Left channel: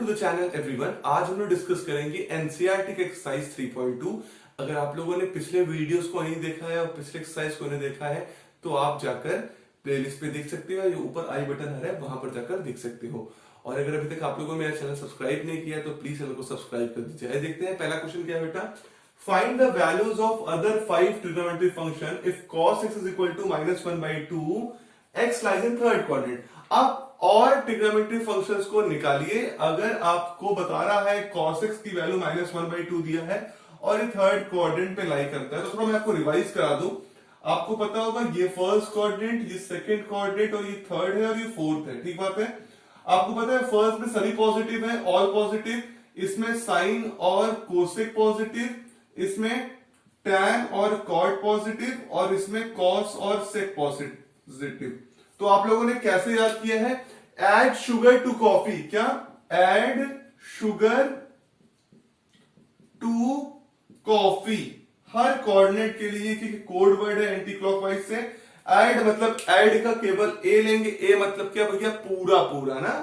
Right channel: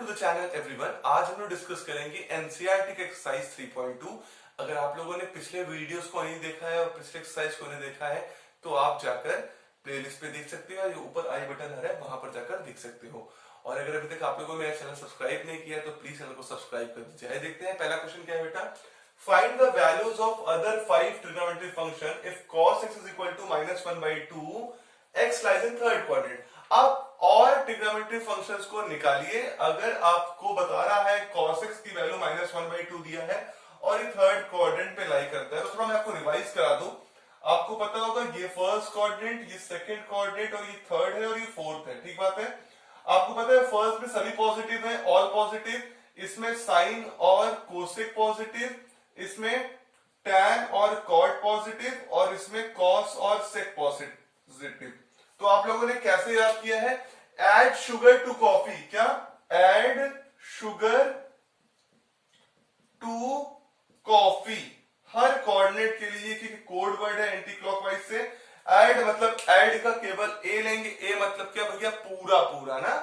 To the channel everyone. आज हम लोग डिस्कस करेंगे एनसीईआरटी के एक्सरसाइज 3.2। अगर आप लोगों ने पिछले वीडियोस को नहीं देखा है और पिछले एक्सरसाइज को नहीं देखा है तो आप जाकर प्लेलिस्ट पे देख सकते हो, ये ऊपर आई बटन आ रहा है वहां पर जाकर देख सकते हो। और अगर अभी तक आप लोगों ने मेरा चैनल सब्सक्राइब नहीं किया है तो प्लीज चैनल को सब्सक्राइब कर दीजिए। आइए देखते हैं पहला क्वेश्चन क्या है बेटा। Find the values of other 5 trigonometry function if cos x is equal to -1/2 x lies in third quadrant। आप और ट्रिग्नोमेट्री फंक्शंस को निकालिए अगर आपको बता रहा है cos x की वैल्यू -1/2 दिया है और ये थर्ड क्वाड्रेंट पे लाई करता है। तो थोड़ा मैं आपको रिवाइज करा दूं। आपको पता होगा ये फर्स्ट क्वाड्रेंट, ये सेकंड क्वाड्रेंट और ये थर्ड है और ये फोर्थ है, ठीक बात है। आपको पता है फर्स्ट में सभी पॉजिटिव है, ऑल पॉजिटिव, इसमें साइन और कोसेक पॉजिटिव, इसमें tan और कॉट पॉजिटिव और इसमें cos और sec पॉजिटिव। तो आप लोगों ने कैसे याद किया है? Add sugar to coffee. क्या? Add sugar to coffee. हर कोऑर्डिनेट के लिए क्योंकि कोड वर्ड है एंटी क्लॉकवाइज से, एड मतलब एड का केवल ए लेंगे। ए मतलब क्या भैया? पूरा पूरा ना,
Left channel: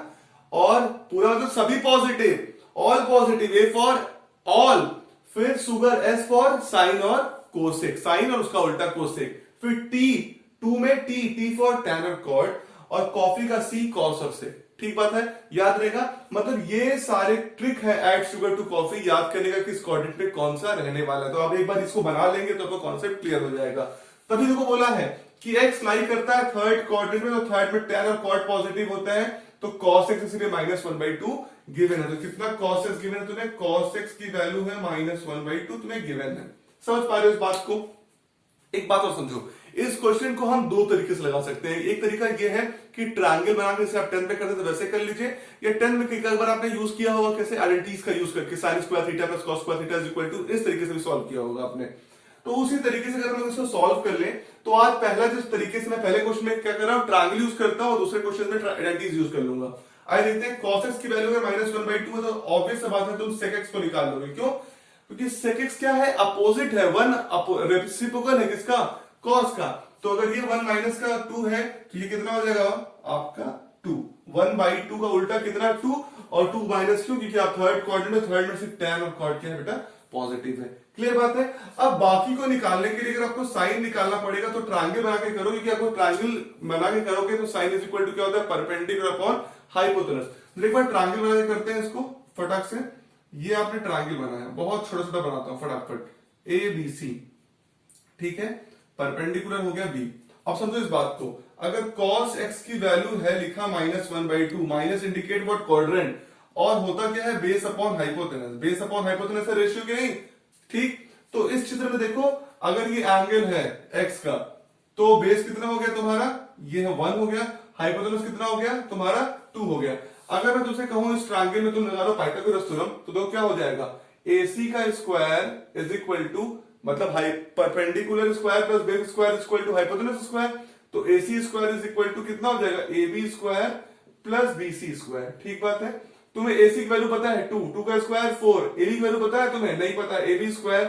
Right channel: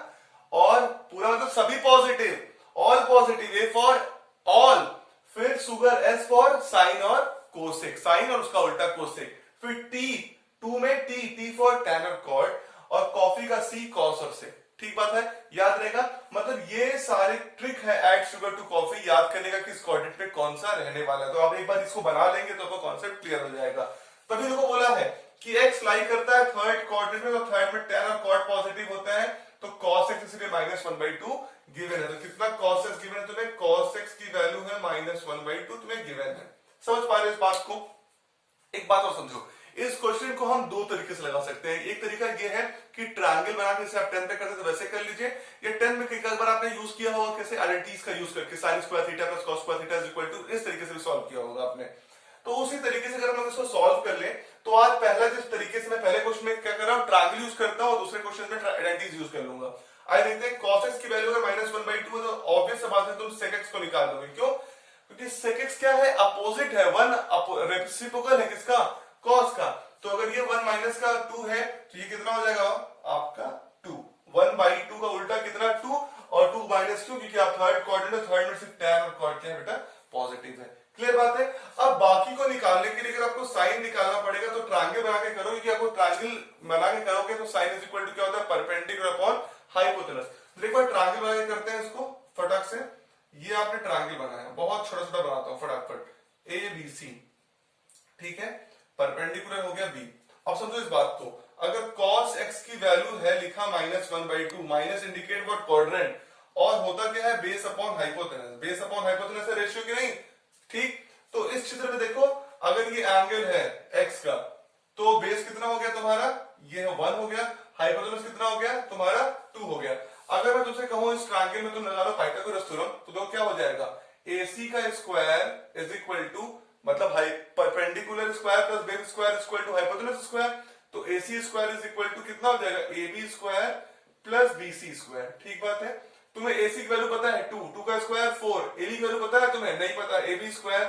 और पूरा मतलब सभी positive, all positive, A for all, फिर शुगर, एस फॉर साइन और कोसेक, साइन और उसका उल्टा कोसेक, फिर टी, टू में टी फॉर टैन और कॉट, और कॉफी का सी, कॉस और सेक। ठीक बात है, याद रहेगा। मतलब ये सारे ट्रिक है ऐड शुगर टू कॉफी याद करने का कि इस कोऑर्डिनेट में कौन सा रहने वाला है। तो आप एक बार इसको बना लेंगे तो आपको कॉन्सेप्ट क्लियर हो जाएगा। तभी देखो बोला है कि एक्स लाई करता है थर्ड कोऑर्डिनेट में, तो थर्ड में टैन और कॉट पॉजिटिव होता है, तो cos x इसलिए -1/2 गिवन है। तो कितना cos x गिवन है तुम्हें? cos x की वैल्यू है -1/2 तुम्हें गिवन है। समझ पा रहे हो इस बात को? एक बात और समझो, इस क्वेश्चन को हम दो तरीके से लगा सकते हैं। एक तरीका ये है कि ट्रायंगल बना के जैसे आप 10 पे करते थे वैसे कर लीजिए, या 10 में कई बार आपने यूज किया होगा कैसे, आइडेंटिटीज का यूज करके, sin square theta plus cos square theta is equal to, इस तरीके से भी सॉल्व किया होगा आपने। तो उसी तरीके से अगर हम इसको सॉल्व कर ले तो आज पहला जिस तरीके से मैं पहले क्वेश्चन में क्या कर रहा हूं, ट्रायंगल यूज करता हूं और दूसरे क्वेश्चन में आइडेंटिटीज यूज कर लूंगा। आइए देखते हैं cos x की वैल्यू है -1/2 है, तो ऑब्वियस सी बात है तुम sec x को निकाल लोगे। क्यों? क्योंकि sec x क्या है? अपोजिट है, वन रेसिप्रोकल है किसका? cos का। तो अगर ये 1 माइनस का 2 है तो ये कितना हो जाएगा आपका 2। 1/2 का उल्टा कितना? 2, और 2 माइनस क्यों? क्योंकि आप थर्ड क्वाड्रेंट, थर्ड में सिर्फ tan और cot क्या है बेटा? पॉजिटिव है। क्लियर बात है। अब बाकी को निकालने के लिए अगर आपको साइन निकालना पड़ेगा तो ट्रायंगल बना के करो, क्योंकि आपको ट्रायंगल बना के करोगे तो साइन इज इक्वल टू क्या होता है? Perpendicular upon hypotenuse. एक बार ट्रायंगल बना के करते हैं इसको फटाक से। ये आपने ट्रायंगल बनाया, बहुत छोटा छोटा बनाता हूं फटाफट, ए बी सी, ठीक है, परपेंडिकुलर हो गया बी। अब समझो इस बात को, अगर cos x की वैल्यू है लिखा -1/2, माइनस इंडिकेट व्हाट क्वाड्रेंट, और होता क्या है? Base upon hypotenuse. Base upon hypotenuse है रेशियो की नहीं, ठीक। तो इस चित्र में देखो, अगर ये एंगल है x का तो बेस कितना हो गया तुम्हारा? ये 1 हो गया। हाइपोटेनस कितना हो गया तुम्हारा? 2 हो गया। अगर मैं तुमसे कहूं इस ट्रायंगल में तुम लगा लो पाइथागोरस थ्योरम, तो देखो क्या हो जाएगा? AC का स्क्वायर इज इक्वल टू, मतलब perpendicular square plus base square is equal to hypotenuse square, तो AC square is equal to कितना हो जाएगा? AB square plus BC square. ठीक बात है। तुम्हें AC की वैल्यू पता है 2 का स्क्वायर 4, AB की वैल्यू पता है तुम्हें? नहीं पता। AB स्क्वायर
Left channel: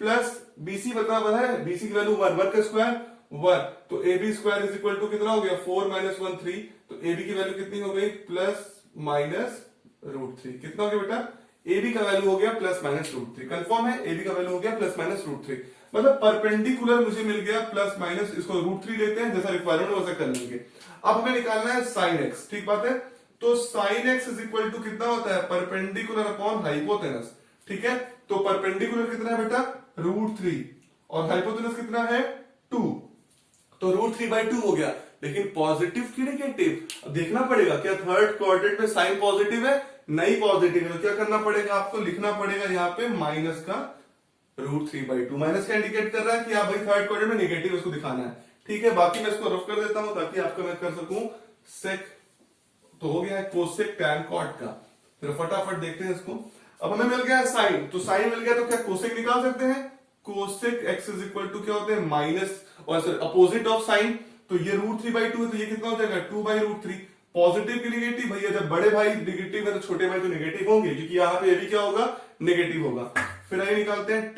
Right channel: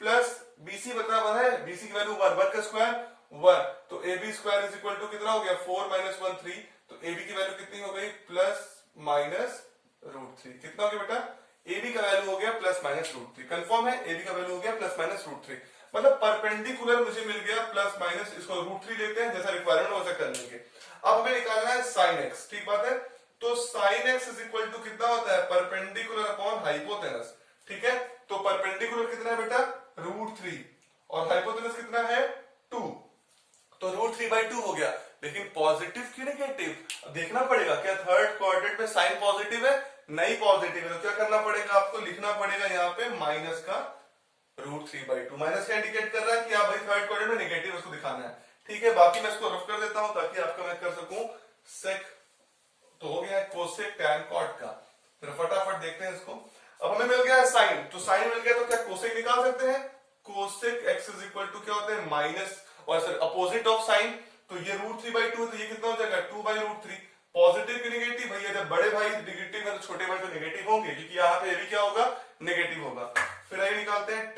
प्लस BC पता है, BC की वैल्यू 1 का स्क्वायर 1, तो AB square is equal to कितना हो गया? 4 - 1 3, तो AB की वैल्यू कितनी हो गई? Plus minus √3। कितना हो गया बेटा? AB का वैल्यू हो गया प्लस माइनस √3। कंफर्म है? AB का वैल्यू हो गया प्लस माइनस √3, मतलब परपेंडिकुलर मुझे मिल गया प्लस माइनस, इसको √3 लेते हैं, जैसा रिक्वायरमेंट वैसा कर लेंगे। अब हमें निकालना है sin x, ठीक बात है। तो sin x is equal to कितना होता है? परपेंडिकुलर अपॉन हाइपोटेनस, ठीक है। तो परपेंडिकुलर कितना है बेटा? √3, और हाइपोटेनस कितना है? 2, तो √3/2 हो गया। लेकिन पॉजिटिव की नेगेटिव देखना पड़ेगा, क्या थर्ड क्वाड्रेंट में साइन पॉजिटिव है? नहीं पॉजिटिव है, तो क्या करना पड़ेगा आपको? लिखना पड़ेगा यहाँ पे माइनस का √3/2। माइनस का इंडिकेट कर रहा है कि आप भाई थर्ड क्वाड्रेंट में नेगेटिव इसको दिखाना है, ठीक है। बाकी मैं इसको रफ कर देता हूं ताकि आपका मैं कर सकूं सेक, तो हो गया है कोसेक टैन कॉट का। फिर फटाफट देखते हैं इसको। अब हमें मिल गया है साइन, तो साइन मिल गया तो क्या कोसेक निकाल सकते हैं? Cosec x is equal to क्या होता है? माइनस, और सर अपोजिट ऑफ साइन, तो ये √3/2 है, तो ये कितना हो जाएगा? 2/√3। पॉजिटिव की नेगेटिव, भैया जब बड़े भाई नेगेटिव है तो छोटे भाई तो नेगेटिव होंगे, क्योंकि यहाँ पे भी क्या होगा? नेगेटिव होगा। फिर आगे निकालते हैं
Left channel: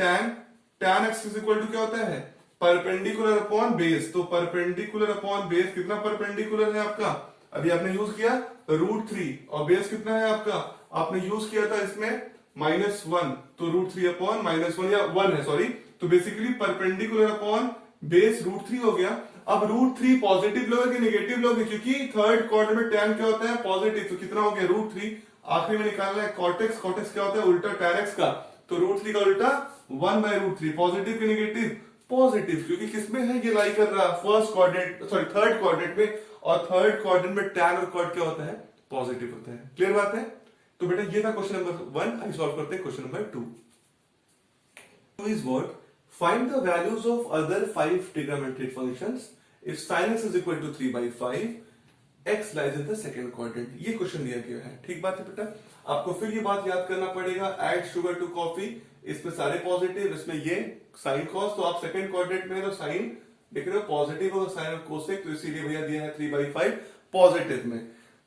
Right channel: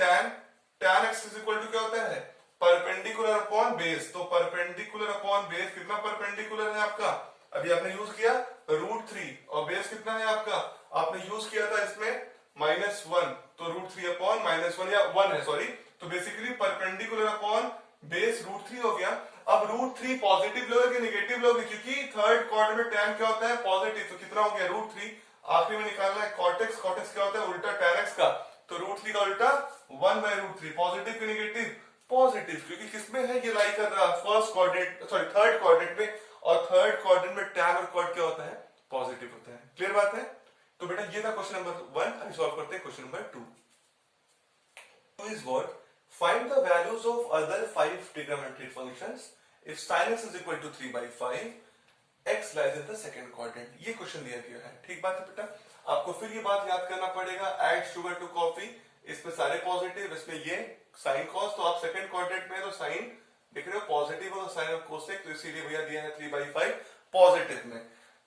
tan x is equal to क्या होता है? Perpendicular upon base. तो परपेंडिकुलर अपॉन बेस, कितना परपेंडिकुलर है आपका? अभी आपने यूज किया √3, और बेस कितना है आपका? आपने यूज किया था इसमें -1, तो √3/-1 या 1 है सॉरी, तो बेसिकली परपेंडिकुलर अपॉन बेस √3 हो गया। अब √3 पॉजिटिव लोगे कि नेगेटिव लोगे, क्योंकि थर्ड क्वाड्रेंट में tan क्या होता है पॉजिटिव, तो कितना हो गया √3। आखिरी में निकालना है कॉटेक्स, कॉटेक्स क्या होता है उल्टा tan x का, तो √3 का उल्टा 1/√3, पॉजिटिव की नेगेटिव पॉजिटिव, क्योंकि किसमें है ये लाई कर रहा है first quadrant sorry third quadrant में, और थर्ड क्वाड्रेंट में tan और कॉट क्या होता है पॉजिटिव होता है। क्लियर बात है। तो बेटा ये था क्वेश्चन नंबर 1, आइए सॉल्व करते हैं question number 2। Is what find the values of other 5 trigonometric functions if sin x is equal to 3/5, x lies in the second quadrant। ये क्वेश्चन दिया गया है, ठीक बात है बेटा। आपको फिर ये बात याद करना पड़ेगा, ऐड शुगर टू कॉफी, इसमें सारे पॉजिटिव, इसमें ये साइन कॉस, तो आप सेकंड क्वाड्रेंट में तो साइन देख रहे हो पॉजिटिव और साइन और कोसेक, तो इसीलिए भैया दिया है 3/5 पॉजिटिव में।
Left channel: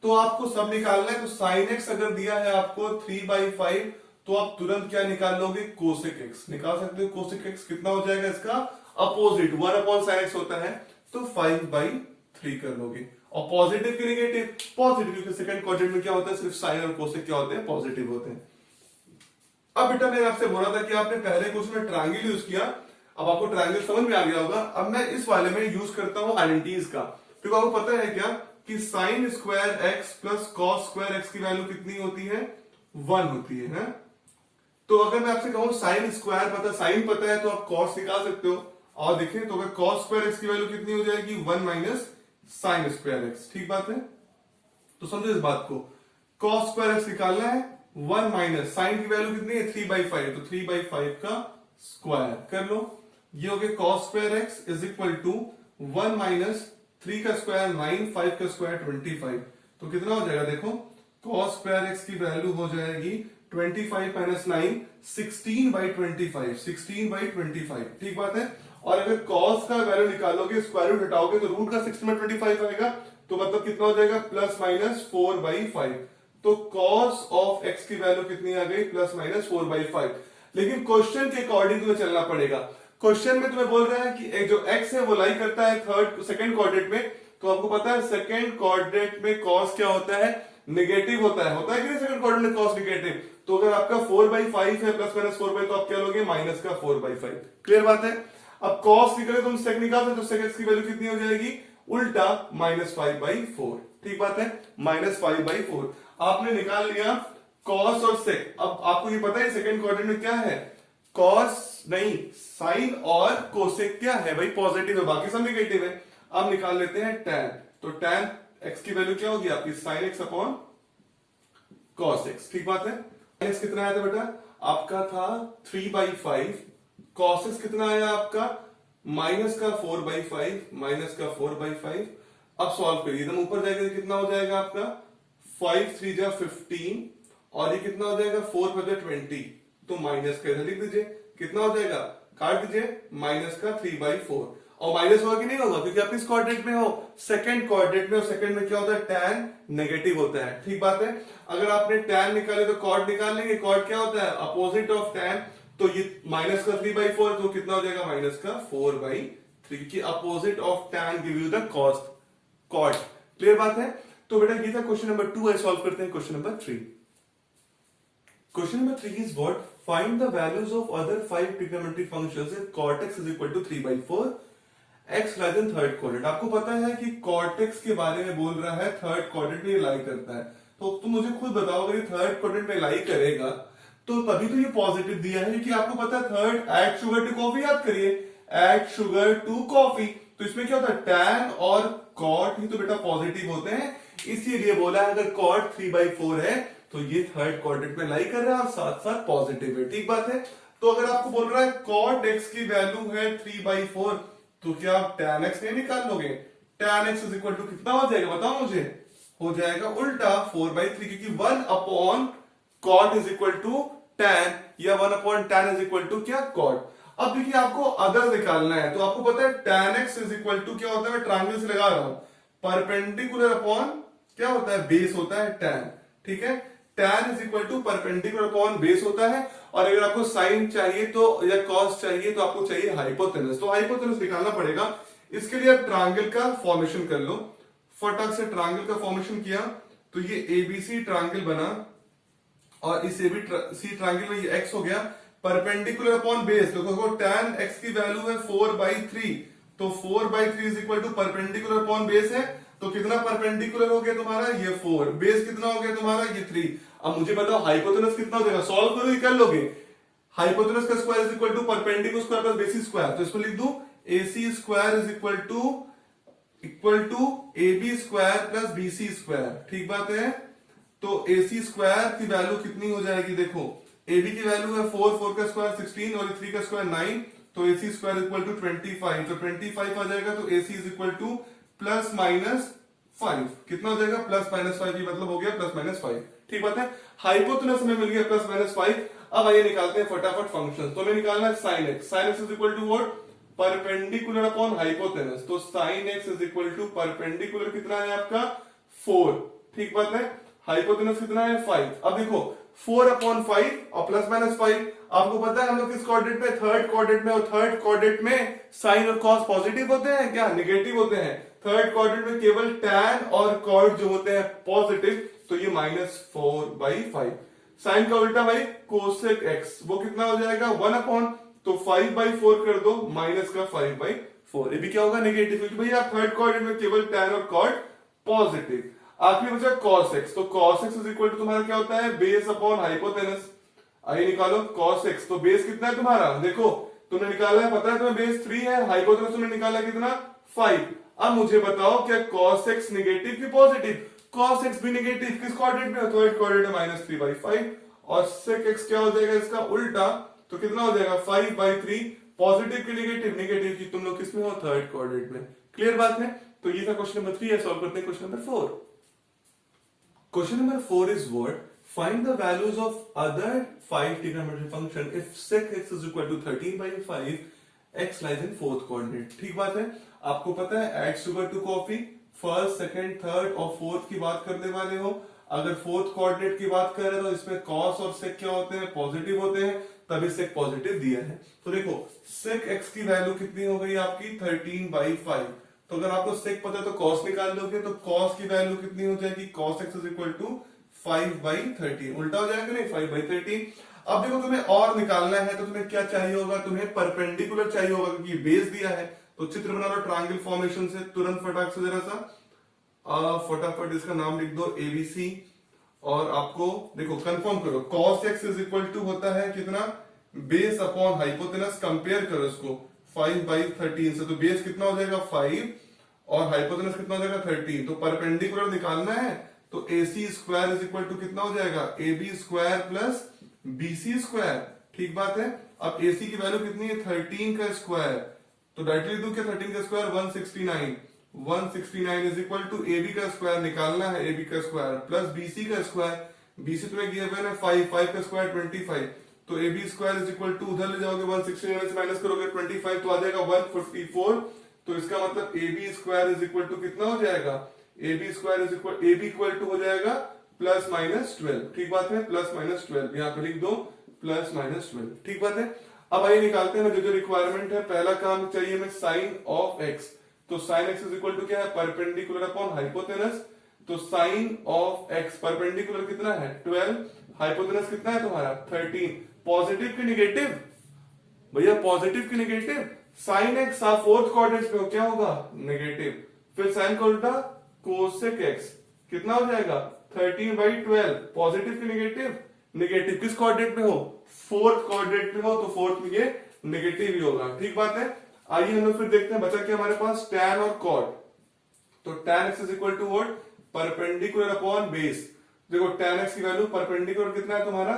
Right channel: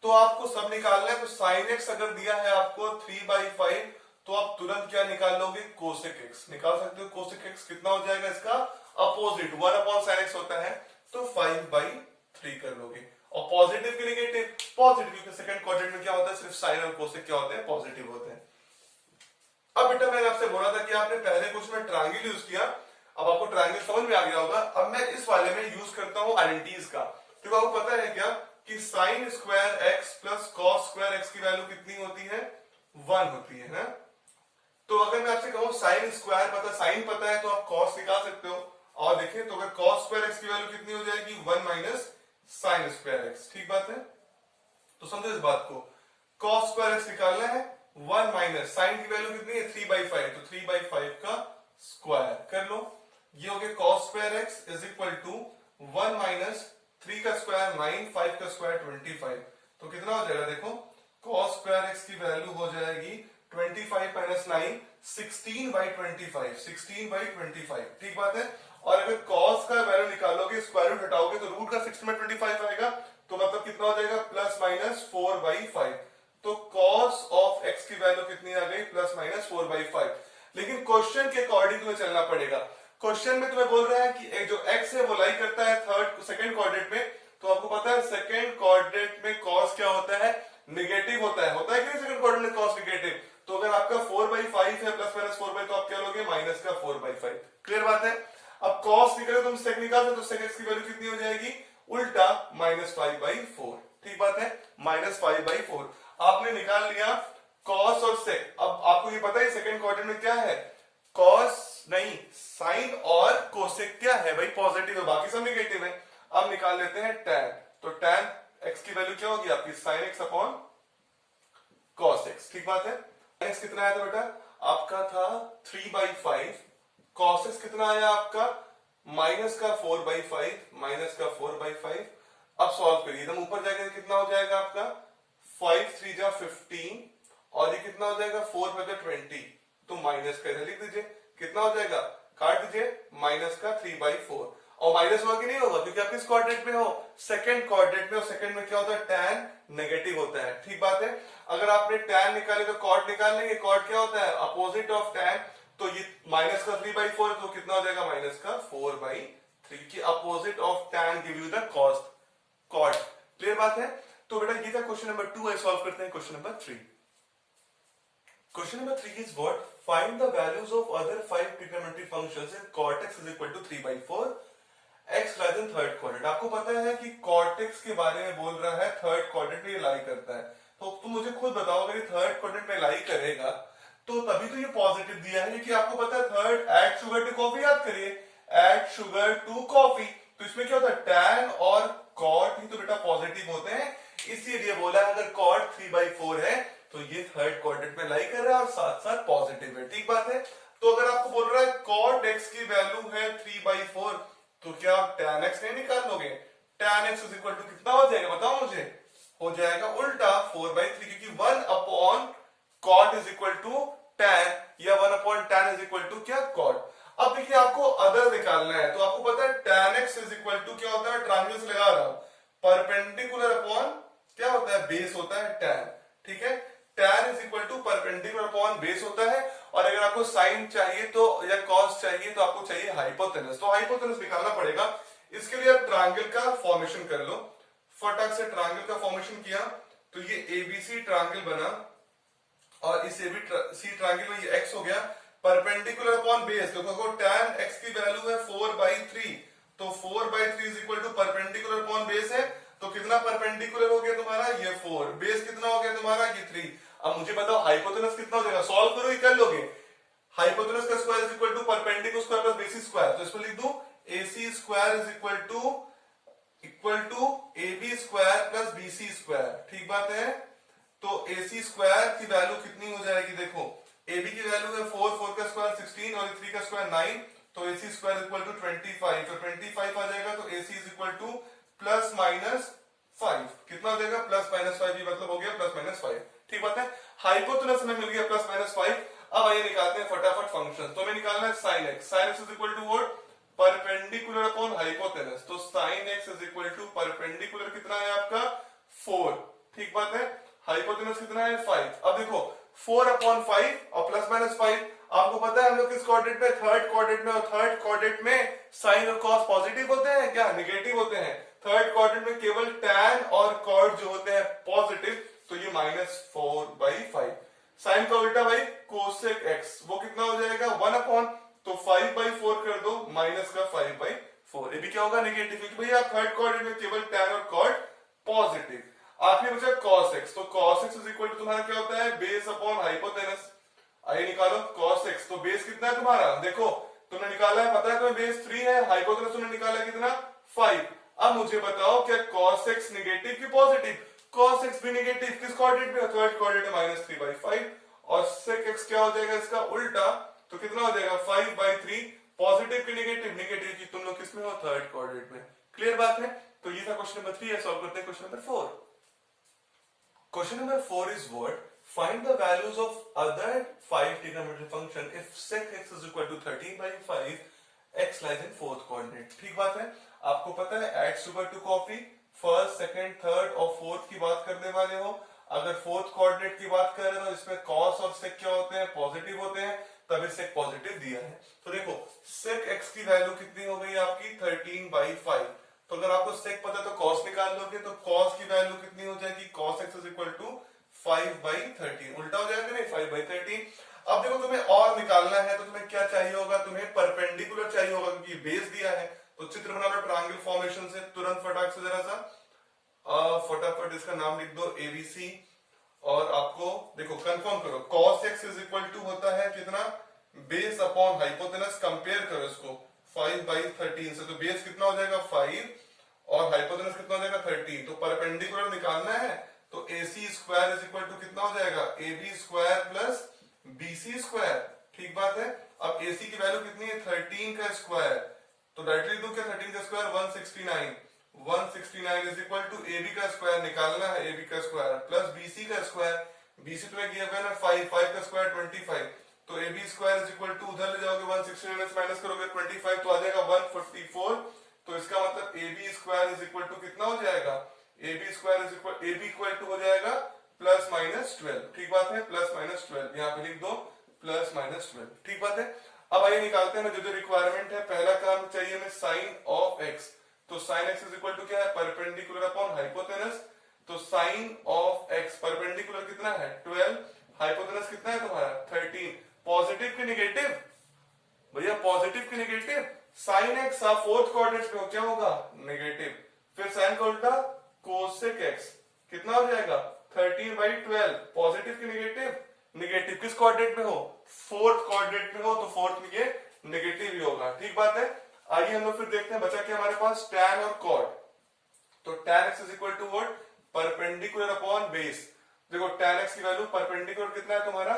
तो आपको सब निकालना है, तो साइन एक्स अगर दिया है आपको 3/5, तो आप तुरंत क्या निकाल लोगे कोसेक एक्स निकाल सकते हो। कोसेक एक्स कितना हो जाएगा इसका अपोजिट 1/sin x होता है, तो 5/3 कर लोगे। और पॉजिटिव की नेगेटिव पॉजिटिव, क्योंकि सेकंड क्वाड्रेंट में क्या होता है सिर्फ साइन और कोसेक क्या होते हैं पॉजिटिव होते हैं। अब बेटा मैंने आपसे बोला था कि आपने पहले क्वेश्चन में ट्रायंगल यूज किया, अब आपको ट्रायंगल समझ में आ गया होगा। अब मैं इस वाले में यूज करता हूं आइडेंटिटीज का, क्योंकि आपको पता है क्या कि sine square x plus cos square x की वैल्यू कितनी होती है 1 होती है ना। तो अगर मैं आपसे कहूं साइन स्क्वायर पता साइन पता है तो आप कॉस निकाल सकते हो, और देखिए तो अगर कॉस स्क्वायर एक्स की वैल्यू कितनी हो जाएगी 1 माइनस साइन स्क्वायर एक्स, ठीक बात है। तो समझो इस बात को, कॉस स्क्वायर एक्स निकालना है 1 माइनस साइन की वैल्यू कितनी है 3/5, तो 3/5 का स्क्वायर कर लो। ये हो गया cos square x is equal to 1 minus 3 का स्क्वायर 9, 5 का स्क्वायर 25, तो कितना हो जाएगा देखो कॉस स्क्वायर एक्स की वैल्यू हो जाएगी 25 माइनस 9 16/25, 16/25, ठीक बात है। और अगर कॉस का वैल्यू निकालोगे स्क्वायर रूट हटाओगे तो रूट का 16/25 आएगा, तो मतलब कितना हो जाएगा प्लस माइनस 4/5, तो कॉस ऑफ एक्स की वैल्यू कितनी आ गई प्लस माइनस 4/5। लेकिन क्वेश्चन के अकॉर्डिंग तुम्हें चलना पड़ेगा। क्वेश्चन में तुम्हें बोल रहा है कि जो एक्स है वो लाई करता है सेकंड क्वाड्रेंट में, तो आपको पता है सेकंड क्वाड्रेंट में कॉस क्या होता है नेगेटिव होता है कि नहीं सेकंड क्वाड्रेंट में कॉस नेगेटिव। तो अगर आपका 4/5 है प्लस माइनस 4/, तो आप क्या लोगे माइनस का 4/5। क्लियर बात है। अब कॉस निकले तुम सेक निकाल सकते, तो सेक एक्स की वैल्यू कितनी हो जाएगी उल्टा -5/4, ठीक बात है -5/4। आपने निकाल लिया कॉस और सेक। अब आपको ये पता है सेकंड क्वाड्रेंट में क्या है कॉस नहीं साइन और कोसेक क्या है भाई पॉजिटिव है, बाकी सब नेगेटिव है। अब निकाल लेते हैं tan, तो tan x की वैल्यू क्या होगी आपकी sin x upon cos x, ठीक बात है। sin x कितना आया था बेटा आपका था 3/5, cos x कितना आया आपका माइनस का 4/5, माइनस का 4/5। अब सॉल्व करिए एकदम ऊपर जाएगा कितना हो जाएगा आपका 5 3 जा 15, और ये कितना हो जाएगा 4 5 जा 20, तो माइनस का इधर लिख दीजिए कितना हो जाएगा काट दीजिए माइनस का 3/4। और माइनस होगा कि नहीं होगा क्योंकि आप किस क्वाड्रेंट में हो सेकंड क्वाड्रेंट में, और सेकंड में क्या होता है tan नेगेटिव होता है, ठीक बात है। अगर आपने tan निकाले तो कॉट निकाल लेंगे, कॉट क्या होता है अपोजिट ऑफ tan, तो ये माइनस का 3/4 तो कितना हो जाएगा माइनस का 4/3 की opposite of tan give you the cost cot. Clear बात है। तो बेटा ये था क्वेश्चन नंबर 2 है, सॉल्व करते हैं question number 3। Question number 3 is what? Find the values of other 5 trigonometric functions if cot x is equal to 3/4, x lies in third quadrant। आपको पता है कि cot x के बारे में बोल रहा है थर्ड क्वाड्रेंट में लाई करता है, तो तुम मुझे खुद बताओ अगर ये थर्ड क्वाड्रेंट में लाई करेगा तो तभी तो ये पॉजिटिव दिया है, क्योंकि आपको पता है third add sugar to coffee, याद करिए ऐड शुगर टू कॉफी, तो इसमें क्या होता है tan और cot ही तो बेटा पॉजिटिव होते हैं, इसीलिए बोला है अगर cot 3/4 है तो ये थर्ड क्वाड्रेंट में लाई कर रहा है और साथ साथ पॉजिटिव है, ठीक बात है। तो अगर आपको बोल रहा है cot x की वैल्यू है 3/4, तो क्या आप tan x नहीं निकाल लोगे, tan x is equal to कितना हो जाएगा बताओ मुझे, हो जाएगा उल्टा 4/3, क्योंकि 1 cot is equal to tan या 1 tan इज इक्वल टू क्या cot। अब देखिए आपको अदर निकालना है, तो आपको पता है tan x is equal to क्या होता है, ट्रायंगल से लगा रहा हूं परपेंडिकुलर अपॉन क्या होता है बेस होता है tan, ठीक है tan is equal to perpendicular upon base होता है। और अगर आपको साइन चाहिए तो या कॉस चाहिए तो आपको चाहिए हाइपोटेनस, तो हाइपोटेनस निकालना पड़ेगा। इसके लिए आप ट्रायंगल का फॉर्मेशन कर लो, फटाक से ट्रायंगल का फॉर्मेशन किया तो ये एबीसी ट्रायंगल बना, और इस सी ट्रायंगल में ये x हो गया, परपेंडिकुलर अपॉन बेस। देखो tan x की वैल्यू है 4/3, तो 4/3 is equal to perpendicular upon base है, तो कितना परपेंडिकुलर हो गया तुम्हारा ये 4, बेस कितना हो गया तुम्हारा ये 3। अब मुझे बताओ हाइपोटेनस कितना हो जाएगा, सॉल्व करो, ये कर लोगे। हाइपोटेनस का square is equal to perpendicular square plus basis square, तो इसमें लिख दूं AC square is equal to AB square plus BC square. ठीक बात है। तो AC स्क्वायर की वैल्यू कितनी हो जाएगी, देखो AB की वैल्यू है 4, 4 का स्क्वायर 16 और 3 का स्क्वायर 9, तो AC स्क्वायर इक्वल टू 25, तो 25 आ जाएगा, तो AC is equal to plus minus 5। कितना हो जाएगा, प्लस माइनस 5, ये मतलब हो गया प्लस माइनस 5। ठीक बात है। हाइपोटेनस हमें मिल गया प्लस माइनस 5। अब आइए निकालते हैं फटाफट फंक्शन। तो हमें निकालना है sine x, sine x is equal to what, perpendicular upon hypotenuse, तो sine x is equal to perpendicular कितना है आपका 4। ठीक बात है। हाइपोटेनस कितना है 5। अब देखो 4/5 और प्लस माइनस 5, आपको पता है हम लोग किस कोऑर्डिनेट में, थर्ड कोऑर्डिनेट में, और थर्ड कोऑर्डिनेट में साइन और कॉस पॉजिटिव होते हैं क्या, नेगेटिव होते हैं। थर्ड कोऑर्डिनेट में केवल tan और कॉट जो होते हैं पॉजिटिव, तो ये -4/5। साइन का उल्टा भाई कोसेक एक्स, वो कितना हो जाएगा 1/, तो 5/4 कर दो, माइनस का 5/4, ये भी क्या होगा नेगेटिव, क्योंकि भैया थर्ड कोऑर्डिनेट में केवल tan और कॉट पॉजिटिव। आखिरी बचा cos x, तो cos x is equal to तुम्हारा क्या होता है, बेस अपॉन हाइपोटेनस। आइए निकालो cos x, तो बेस कितना है तुम्हारा, देखो तुमने निकाला है, पता है तुम्हें बेस 3 है, हाइपोटेनस तुमने निकाला कितना 5। अब मुझे बताओ क्या cos x नेगेटिव की पॉजिटिव, cos x भी नेगेटिव, किस कोऑर्डिनेट में, थर्ड कोऑर्डिनेट में -3/5, और sec x क्या हो जाएगा इसका उल्टा, तो कितना हो जाएगा 5/3, पॉजिटिव की नेगेटिव, नेगेटिव की तुम लोग किसमें हो, थर्ड कोऑर्डिनेट में। क्लियर बात है। तो ये था क्वेश्चन नंबर 3 है, सॉल्व करते हैं question number 4। Question number 4 is what? Find the values of other 5 trigonometric function if sec x is equal to 13/5, x lies in fourth coordinate। ठीक बात है। आपको पता है add sugar to coffee, first, second, third और fourth की बात करने वाले हो। अगर फोर्थ कोऑर्डिनेट की बात कर रहे हो, इसमें cos और sec क्या होते हैं, पॉजिटिव होते हैं, तभी sec पॉजिटिव दिया है। तो देखो sec x की वैल्यू कितनी हो गई आपकी 13/5, तो अगर आपको सेक पता है तो कॉस निकाल लोगे, तो कॉस की वैल्यू कितनी हो जाएगी, cos x is equal to 5/13, उल्टा हो जाएगा नहीं 5/13। अब देखो तुम्हें और निकालना है, तो तुम्हें क्या चाहिए होगा, तुम्हें परपेंडिकुलर चाहिए होगा, क्योंकि बेस दिया है। तो चित्र बना लो ट्रायंगल फॉर्मेशन से, तुरंत फटाक से जरा सा फटाफट इसका नाम लिख दो ABC, और आपको देखो कंफर्म करो, cos x is equal to होता है कितना, बेस अपॉन हाइपोटेनस, कंपेयर करो इसको 5/13 से, तो बेस कितना हो जाएगा 5 और हाइपोटेनस कितना हो जाएगा 13, तो परपेंडिकुलर निकालना है, तो AC square is equal to कितना हो जाएगा AB square plus BC square. ठीक बात है। अब AC की वैल्यू कितनी है 13 का स्क्वायर, तो डायरेक्टली दो क्या, 13 का square 169, 169 is equal to AB का स्क्वायर निकालना है, AB का स्क्वायर प्लस BC का स्क्वायर, BC तुम्हें दिया हुआ है ना 5, 5 का स्क्वायर 25, तो AB square is equal to, उधर ले जाओगे 169 में माइनस करोगे 25, तो आ जाएगा 144, तो इसका मतलब AB square is equal to कितना हो जाएगा, AB square is equal, AB equal to हो जाएगा +-12। ठीक बात है, +-12 यहाँ पे लिख दो, +-12। ठीक बात है। अब आइए निकालते हैं जो रिक्वायरमेंट है। पहला काम चाहिए हमें साइन ऑफ एक्स, तो sine x is equal to क्या है, परपेंडिकुलर अपॉन हाइपोटेनस, तो साइन ऑफ एक्स परपेंडिकुलर कितना है 12, हाइपोटेनस कितना है तुम्हारा 13, पॉजिटिव की नेगेटिव, भैया पॉजिटिव की नेगेटिव, साइन एक्स आप फोर्थ कोऑर्डिनेट में हो, क्या होगा नेगेटिव, फिर साइन का उल्टा कोसेक एक्स कितना हो जाएगा 13/12, पॉजिटिव की नेगेटिव, नेगेटिव किस कोऑर्डिनेट में हो, फोर्थ कोऑर्डिनेट में हो, तो फोर्थ में ये नेगेटिव ही होगा। ठीक बात है। आइए हम लोग फिर देखते हैं बचा क्या हमारे पास, tan और cot, तो tan x is equal to what, perpendicular upon base. देखो tan x की वैल्यू परपेंडिकुलर कितना है तुम्हारा,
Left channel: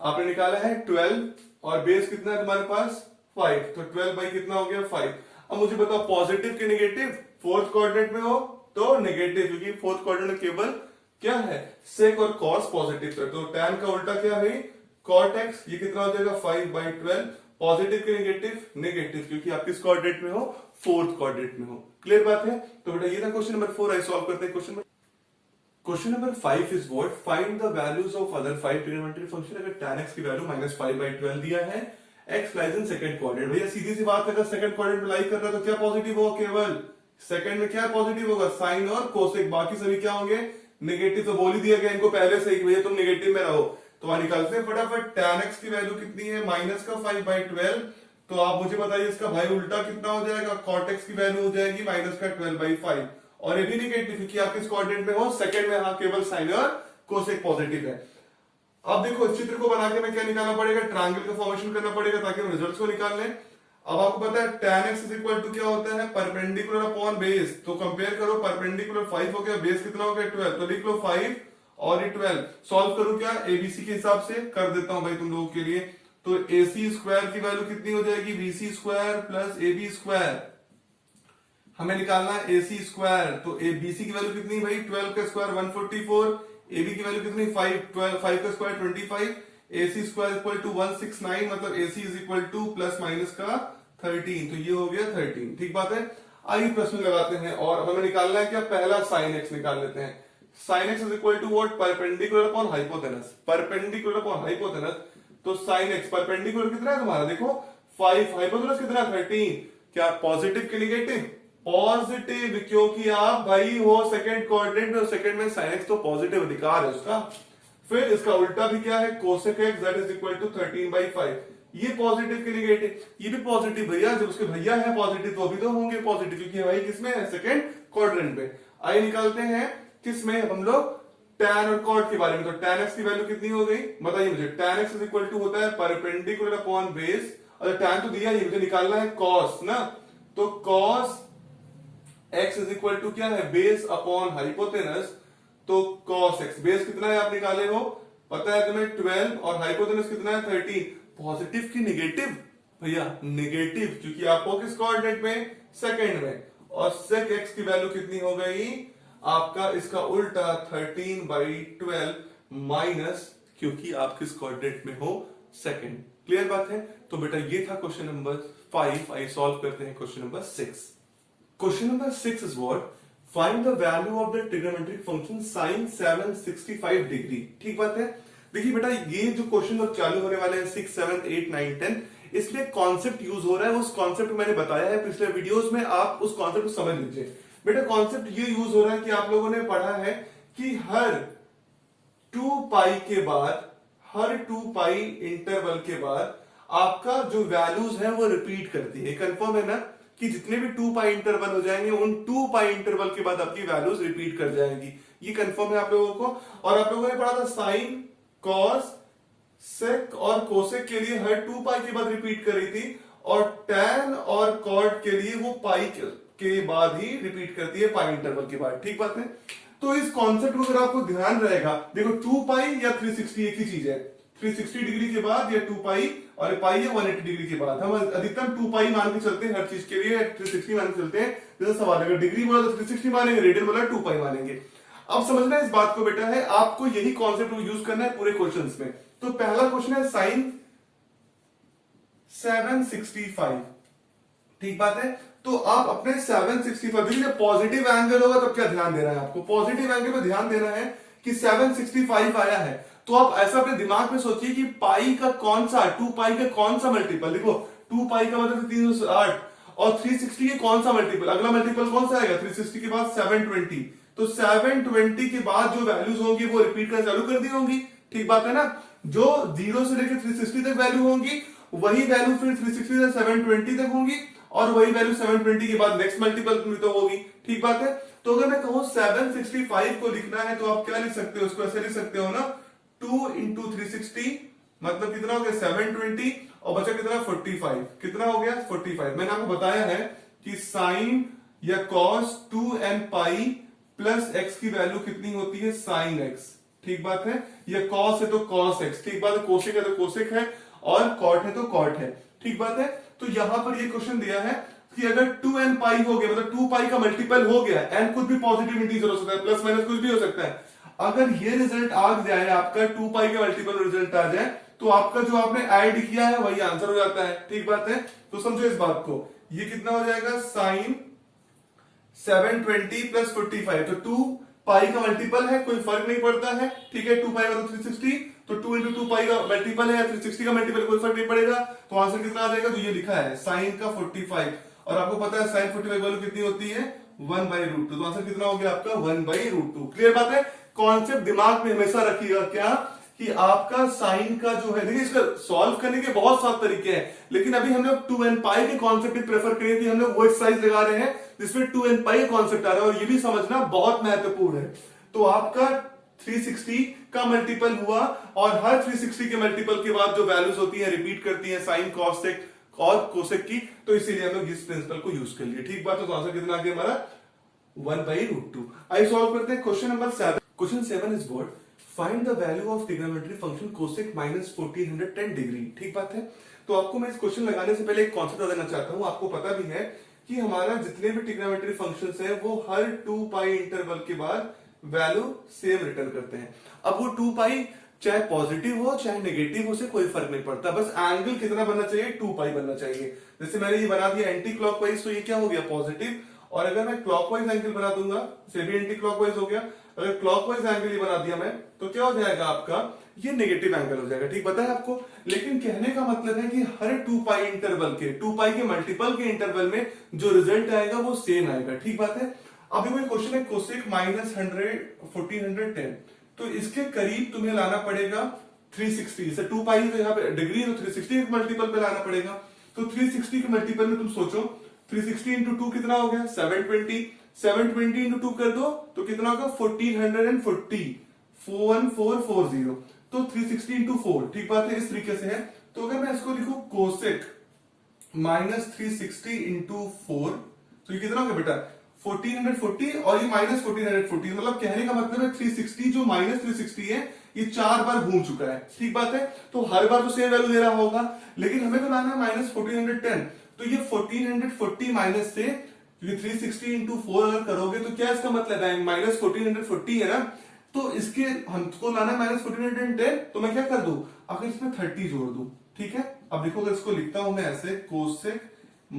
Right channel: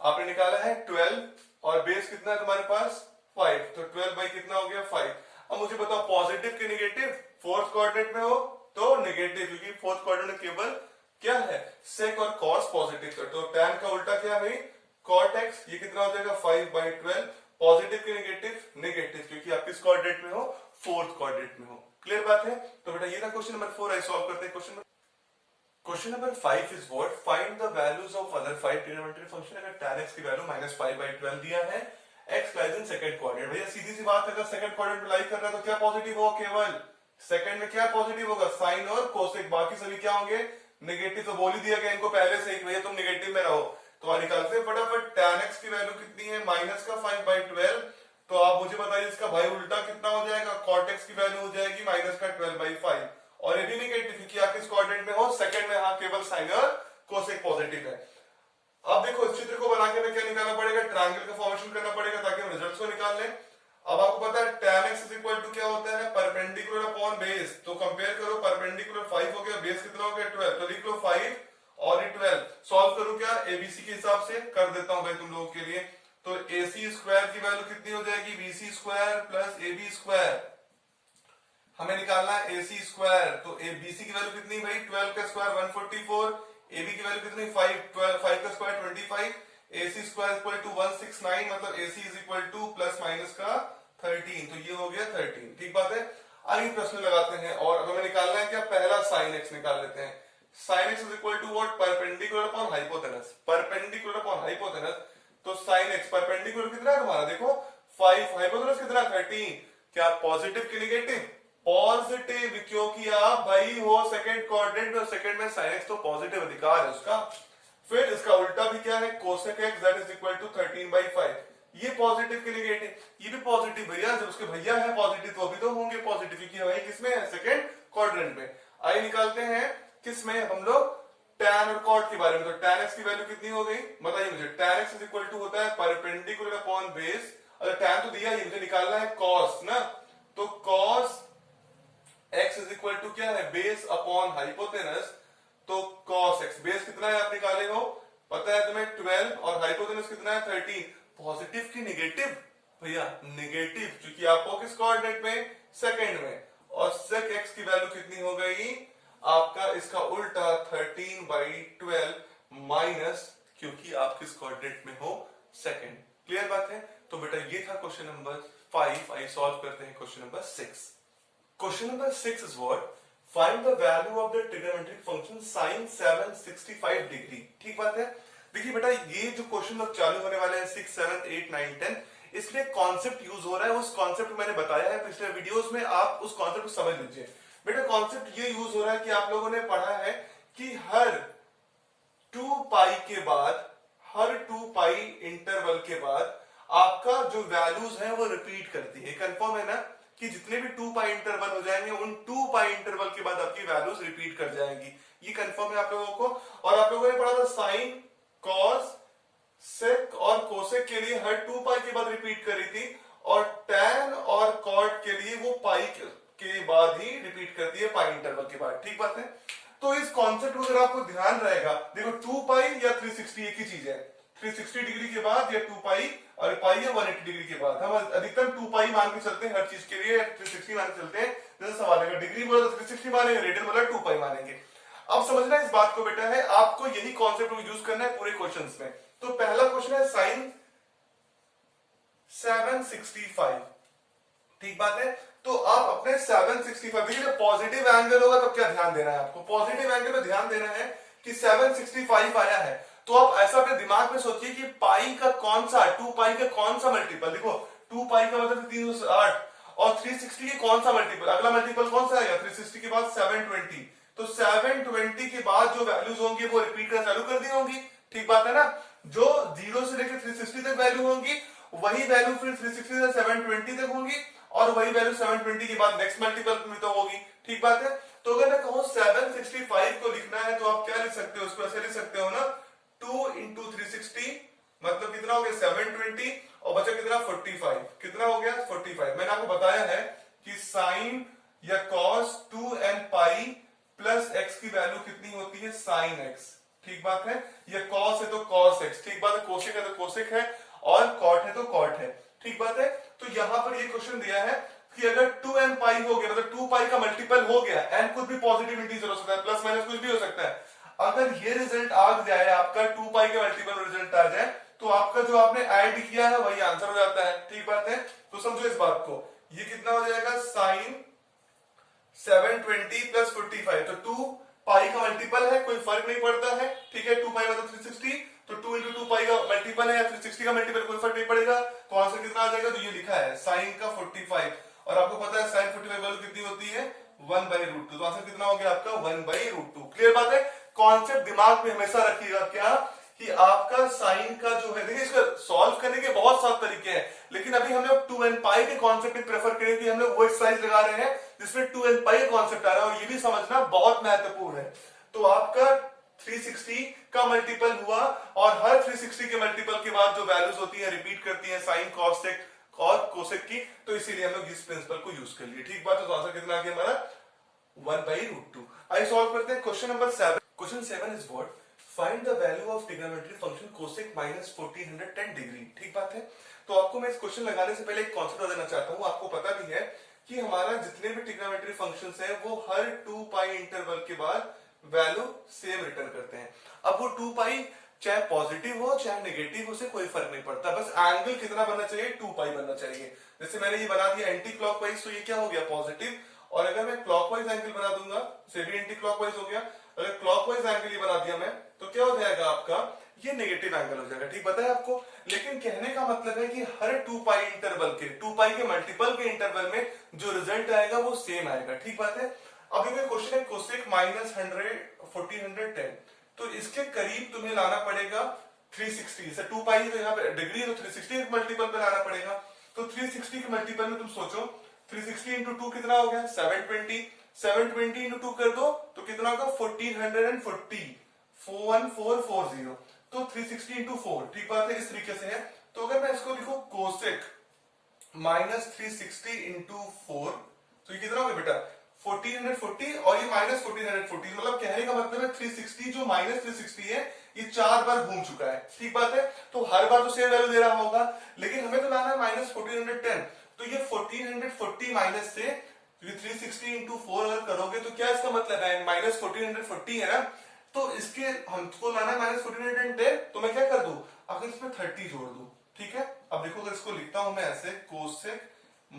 आपने निकाला है 12, और बेस कितना है तुम्हारे पास 5, तो 12 कितना हो गया 5। अब मुझे बताओ पॉजिटिव की नेगेटिव, फोर्थ कोऑर्डिनेट में हो तो नेगेटिव, क्योंकि फोर्थ कोऑर्डिनेट केवल क्या है सेक और कॉस पॉजिटिव है, तो tan का उल्टा क्या है cot x, ये कितना हो जाएगा 5/12, पॉजिटिव की नेगेटिव, नेगेटिव, क्योंकि आप किस कोऑर्डिनेट में हो, फोर्थ कोऑर्डिनेट में हो। क्लियर बात है। तो बेटा ये था क्वेश्चन नंबर 4, आई सॉल्व करते हैं question number 5 is what, find the values of other 5 trigonometric function. अगर tan x की वैल्यू -5/12 दिया है, x lies in second coordinate, भैया सीधी सी बात है, अगर सेकंड कोऑर्डिनेट में लाई कर रहा है तो क्या पॉजिटिव होगा, केवल सेकंड में क्या पॉजिटिव होगा, साइन और कोसेक, बाकी सभी क्या होंगे नेगेटिव। तो बोल ही दिया गया इनको पहले से ही भैया तुम नेगेटिव में रहो, तो आप निकालते हैं फटाफट। tan x की वैल्यू कितनी है, माइनस का 5/12। तो आप मुझे बताइए इसका भाई उल्टा कितना हो जाएगा, cot x की वैल्यू हो जाएगी माइनस का 12/5। और ये भी निगेटिव क्योंकि आप किस क्वाड्रेंट में हो, सेकंड में। हाँ, केवल साइन और कोसेक पॉजिटिव है। अब देखो इस चित्र को बना के हमें क्या निकालना पड़ेगा, ट्रायंगल का फॉर्मेशन करना पड़ेगा ताकि हम रिजल्ट्स को निकाल लें। अब आपको पता है tan x is equal to क्या होता है, परपेंडिकुलर अपॉन बेस। तो कंपेयर करो, परपेंडिकुलर 5 हो गया, बेस कितना हो गया 12, तो लिख लो 5 और ये 12। सॉल्व करूं क्या, एबीसी के हिसाब से कर देता हूं भाई तुम लोगों के लिए। तो AC स्क्वायर की वैल्यू कितनी हो जाएगी, BC square plus AB square. हमें निकालना है AC स्क्वायर। तो BC की वैल्यू कितनी भाई, 12 का स्क्वायर 144, AB की वैल्यू कितनी 5 का square 25, AC square equal to 169, मतलब AC is equal to plus minus का 13। तो ये हो गया 13, ठीक बात है। आइए प्रश्न लगाते हैं, और अब हमें निकालना है क्या, पहला साइन x निकाल लेते हैं। Sine x is equal to what, perpendicular upon hypotenuse. Perpendicular upon hypotenuse, तो साइन x परपेंडिकुलर कितना है तुम्हारा, देखो 5, हाइपोटेनस कितना 13। क्या पॉजिटिव की निगेटिव, पॉजिटिव, क्योंकि आप भाई हो सेकंड क्वाड्रेंट में, सेकंड में साइन x तो पॉजिटिव अधिकार है उसका। फिर इसका उल्टा भी क्या है, cosec x that is equal to 13/5। ये पॉजिटिव के निगेटिव, ये भी पॉजिटिव भैया, जब उसके भैया है पॉजिटिव तो अभी तो होंगे पॉजिटिव, क्योंकि भाई किसमें है, सेकंड क्वाड्रेंट में। आइए निकालते हैं किसमें हम लोग, tan और cot के बारे में। तो tan x की वैल्यू कितनी हो गई, बताइए मुझे। tan x is equal to होता है परपेंडिकुलर अपॉन बेस, और tan तो दिया ही, मुझे निकालना है cos ना। तो cos x is equal to क्या है, बेस अपॉन हाइपोटेनस। तो cos x, बेस कितना है आप निकाले हो, पता है तुम्हें 12, और हाइपोटेनस कितना है 13। पॉजिटिव की निगेटिव, भैया निगेटिव, क्योंकि आपको किस कोऑर्डिनेट में, सेकंड में। और sec x की वैल्यू कितनी हो गई आपका, इसका उल्टा 13/12 माइनस, क्योंकि आप किस कोऑर्डिनेट में हो, सेकंड। क्लियर बात है। तो बेटा ये था क्वेश्चन नंबर 5। आइए सॉल्व करते हैं question number 6। Question number 6 is what, find the value of the trigonometric function sin 765 degree. ठीक बात है। देखिए बेटा ये जो क्वेश्चन अब चालू होने वाले हैं 6, 7, 8, 9, 10, इसमें कॉन्सेप्ट यूज हो रहा है। उस कॉन्सेप्ट को मैंने बताया है पिछले वीडियोस में, आप उस कॉन्सेप्ट को समझ लीजिए। बेटा कॉन्सेप्ट ये यूज हो रहा है कि आप लोगों ने पढ़ा है कि हर 2 पाई के बाद, हर 2 पाई इंटरवल के बाद आपका जो वैल्यूज है वो रिपीट करती है। कंफर्म है ना कि जितने भी 2 पाई इंटरवल हो जाएंगे, उन 2 पाई इंटरवल के बाद आपकी वैल्यूज रिपीट कर जाएंगी। ये कंफर्म है आप लोगों को। और आप लोगों ने पढ़ा था साइन, कॉस, सेक और कोसेक के लिए हर 2 पाई के बाद रिपीट करी थी, और टैन और कॉट के लिए वो पाई के बाद ही रिपीट करती है, पाई इंटरवल के बाद। ठीक बात है। तो इस कॉन्सेप्ट को अगर आपको ध्यान रहेगा, देखो 2 पाई या 360 एक ही चीज है। 360 डिग्री के बाद या 2 पाई, और पाई है 180 डिग्री के बाद। हम अधिकतम 2 पाई मान के चलते हैं हर चीज के लिए, 360 मान के चलते हैं। जैसे सवाल है डिग्री बोला तो 360 मानेंगे, रेडियन बोला 2 पाई मानेंगे। अब समझना इस बात को बेटा है, आपको यही कॉन्सेप्ट यूज करना है पूरे क्वेश्चंस में। तो पहला क्वेश्चन है साइन 765। ठीक बात है। तो आप अपने 765, देखिए पॉजिटिव एंगल होगा तब क्या ध्यान देना है आपको, पॉजिटिव एंगल में ध्यान देना है कि 765 आया है। तो आप ऐसा अपने दिमाग में सोचिए कि पाई का कौन सा, 2 पाई का कौन सा मल्टीपल, देखो 2 पाई का मतलब 308, और 360 के कौन सा मल्टीपल, अगला मल्टीपल कौन सा आएगा 360 के बाद 720। तो 720 के बाद जो वैल्यूज होंगी वो रिपीट करना चालू कर दी होंगी। ठीक बात है ना। जो 0 से लेकर 360 तक वैल्यू होंगी, वही वैल्यू फिर 360 से 720 तक होंगी, और वही वैल्यू 720 के बाद नेक्स्ट मल्टीपल में तो होगी। ठीक बात है। तो अगर मैं कहूं 765 को लिखना है तो आप क्या लिख सकते हो, उसको ऐसे लिख सकते हो ना, 2 इंटू 360 मतलब कितना हो गया 720, और बचा कितना 45। कितना हो गया 45। मैंने आपको बताया है कि साइन या cos 2n pi plus x की वैल्यू कितनी होती है, साइन x। ठीक बात है। या कॉस है तो कॉस x, ठीक बात है। कोसेक है तो कोसेक है, और कॉट है तो कॉट है। ठीक बात है। तो यहां पर ये क्वेश्चन दिया है कि अगर 2n पाई हो गया, मतलब 2 पाई का मल्टीपल हो गया, n कुछ भी पॉजिटिव इंटीजर हो सकता है, प्लस माइनस कुछ भी हो सकता है। अगर ये रिजल्ट आ जाए आपका 2 पाई का मल्टीपल रिजल्ट आ जाए, तो आपका जो आपने ऐड किया है वही आंसर हो जाता है। ठीक बात है। तो समझो इस बात को, ये कितना हो जाएगा साइन 720 प्लस 45। तो 2 पाई का मल्टीपल है, कोई फर्क नहीं पड़ता है। ठीक है। 2 पाई मतलब 360, तो 2 इंटू 2 पाई का मल्टीपल है या 360 का मल्टीपल, कोई फर्क नहीं पड़ेगा। तो आंसर कितना आ जाएगा, तो ये लिखा है साइन का 45, और आपको पता है साइन 45 वैल्यू कितनी होती है 1/√2। तो आंसर कितना हो गया आपका 1/√2। क्लियर बात है। कॉन्सेप्ट दिमाग में हमेशा रखिएगा क्या, कि आपका साइन का जो है, देखिए इसका सॉल्व करने के बहुत सारे तरीके हैं, लेकिन अभी हम लोग 2n पाई के कॉन्सेप्ट प्रेफर करेंगे कि हम लोग वो एक्सरसाइज लगा रहे हैं जिसमें 2n पाई का कॉन्सेप्ट आ रहा है, और ये भी समझना बहुत महत्वपूर्ण है। तो आपका 360 का मल्टीपल हुआ, और हर 360 के मल्टीपल के बाद जो वैल्यूज होती है रिपीट करती है साइन कॉस सेक और कोसेक की, तो इसीलिए हम लोग इस प्रिंसिपल को यूज कर लिए। ठीक बात है। तो आंसर कितना आ गया हमारा 1/√2। आइए सॉल्व करते हैं question number 7। Question 7 is what, find the value of trigonometry function cosec minus 1410 degree. ठीक बात है। तो आपको मैं इस क्वेश्चन लगाने से पहले एक कॉन्सेप्ट बता देना चाहता हूं। आपको पता भी है कि हमारा जितने भी ट्रिग्नोमेट्री फंक्शंस है वो हर 2 पाई इंटरवल के बाद वैल्यू सेम रिटर्न करते हैं। अब वो 2 पाई चाहे पॉजिटिव हो चाहे नेगेटिव हो, से कोई फर्क नहीं पड़ता, बस एंगल कितना बनना चाहिए, 2 पाई बनना चाहिए। जैसे मैंने ये बना दिया एंटी क्लॉकवाइज, तो ये क्या हो गया, पॉजिटिव, और अगर मैं क्लॉकवाइज एंगल बना दूंगा से भी एंटी क्लॉकवाइज हो गया। अगर क्लॉकवाइज एंगल ही बना दिया मैं, तो क्या हो जाएगा आपका, ये नेगेटिव एंगल हो जाएगा। ठीक बताया आपको। लेकिन कहने का मतलब है कि हर 2 पाई इंटरवल के, 2 पाई के मल्टीपल के इंटरवल में जो रिजल्ट आएगा वो सेम आएगा। ठीक बात है। अभी कोई क्वेश्चन है कोसेक माइनस 1410, तो इसके करीब तुम्हें लाना पड़ेगा 360 से 2 पाई, तो यहाँ पे डिग्री है तो 360 के मल्टीपल पे लाना पड़ेगा। तो 360 के मल्टीपल में तुम सोचो 360 इंटू 2 कितना हो गया, 720। 720 इंटू 2 कर दो तो कितना होगा 1440, 41440। तो 360 इंटू 4, ठीक बात है, इस तरीके से है। तो अगर मैं इसको लिखूं कोसेक माइनस 360 इंटू 4, तो ये कितना हो गया बेटा 1440, और ये माइनस 1440, मतलब कहने का मतलब है 360 जो माइनस 360 है ये 4 बार घूम चुका है। ठीक बात है। तो हर बार तो सेम वैल्यू दे रहा होगा, लेकिन हमें तो लाना है माइनस 1410। तो ये 1440 माइनस से ये 360 इंटू 4 अगर करोगे तो क्या इसका मतलब है, माइनस 1440 है ना, तो इसके हमको लाना है माइनस 1410। तो मैं क्या कर दूं, अगर इसमें 30 जोड़ दूं। ठीक है। अब देखो अगर इसको लिखता हूं मैं ऐसे, कोसेक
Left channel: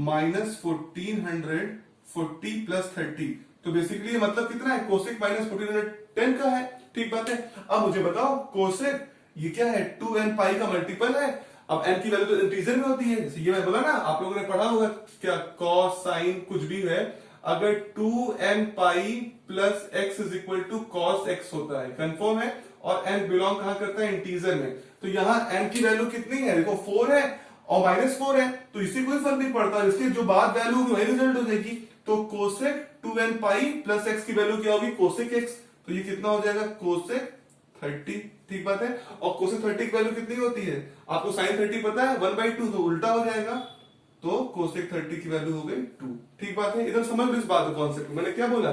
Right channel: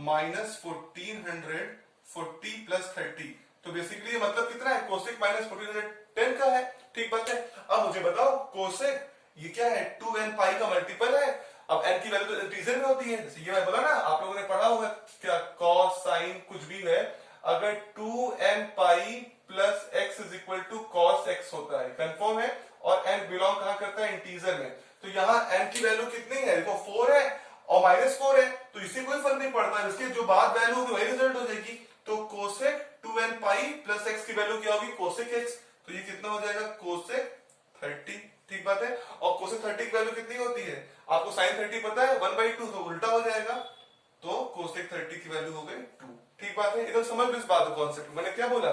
माइनस 1440 प्लस 30, तो बेसिकली ये मतलब कितना है, कोसेक माइनस 1410 का है। ठीक बात है। अब मुझे बताओ कोसेक ये क्या है, 2n पाई का मल्टीपल है। अब n की वैल्यू तो इंटीजर में होती है, जैसे ये मैं बोला ना, आप लोगों ने पढ़ा होगा क्या, कॉस साइन कुछ भी है, अगर 2n pi plus x is equal to cos x होता है, कंफर्म है, और n बिलोंग कहां करता है, इंटीजर में। तो यहाँ n की वैल्यू कितनी है, देखो 4 है और माइनस 4 है, तो इससे कोई फर्क नहीं पड़ता, इसके जो बाद वैल्यू होगी वही रिजल्ट हो जाएगी। तो cosec 2n pi plus x की वैल्यू क्या होगी, कोसेक x, तो ये कितना हो जाएगा, कोसेक 30। ठीक बात है। और कोसेक 30 की वैल्यू कितनी होती है, आपको साइन 30 पता है, 1/2, तो उल्टा हो जाएगा, तो कोसेक 30 की वैल्यू हो गई 2। ठीक बात है। एकदम समझ लो इस बात को, कॉन्सेप्ट मैंने क्या बोला,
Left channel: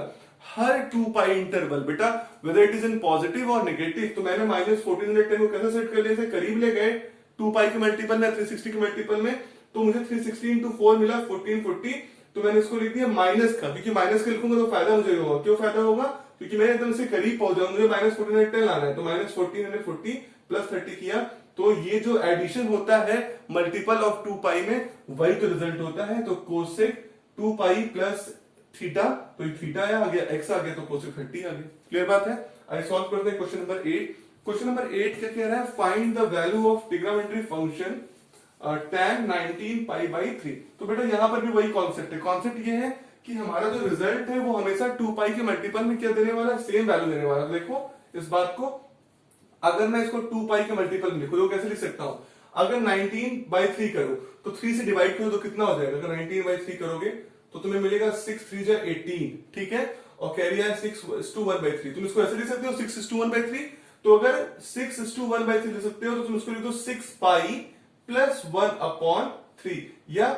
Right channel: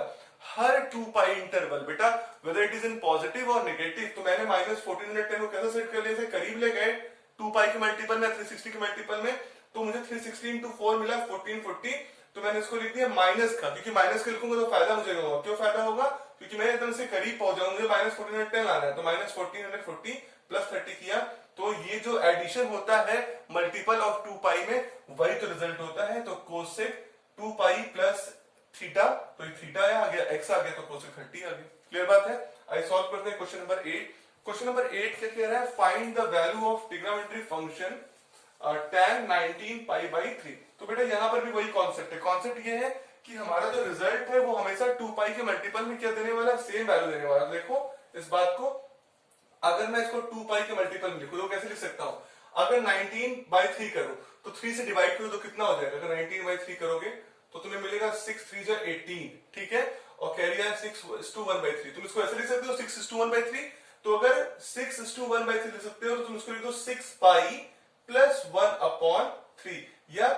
हर 2 पाई इंटरवल बेटा whether it is in positive और नेगेटिव। तो मैंने माइनस 1410 को कैसे सेट कर लिया, से करीब ले गए 2 पाई के मल्टीपल में, 360 के मल्टीपल में, तो मुझे 360 इंटू 4 मिला 1440। तो मैंने इसको लिख दिया माइनस का, क्योंकि माइनस के लिखूंगा तो फायदा मुझे होगा। क्यों फायदा होगा, क्योंकि मैं एकदम से करीब पहुंच जाऊंगा, मुझे माइनस 1410 लाना है, तो माइनस 1440 प्लस 30 किया, तो ये जो एडिशन होता है मल्टीपल ऑफ 2 पाई में, वही तो रिजल्ट होता है। तो कोसेक 2 पाई प्लस थीटा, तो थीटा आ गया, एक्स आ गया, तो कोसेक 30 आ गया। क्लियर बात है। आइए सॉल्व करते हैं क्वेश्चन नंबर 8। क्वेश्चन नंबर 8 क्या कह रहा है, find the value of trigonometry function tan 19 pi by 3। तो बेटा यहां पर भी वही कॉन्सेप्ट है। कॉन्सेप्ट ये है कि हमारा जो रिजल्ट है वो हमेशा 2 पाई के मल्टीपल में क्या देने वाला है, सेम वैल्यू देने वाला है। देखो इस बात को, अगर मैं इसको 2 पाई के मल्टीपल में लिखूं तो कैसे लिख सकता हूं, अगर 19/3 करो तो 3 से डिवाइड करो तो कितना हो जाएगा, अगर 19/3 करोगे तो तुम्हें मिलेगा 6 3 जा 18। ठीक है। और कैरी है 6:1/3, तुम इसको ऐसे लिख सकते हो 6:1/3। तो अगर 6:1/3 लिख सकते हो तो तुम इसको लिख दो 6 पाई प्लस 1/3 या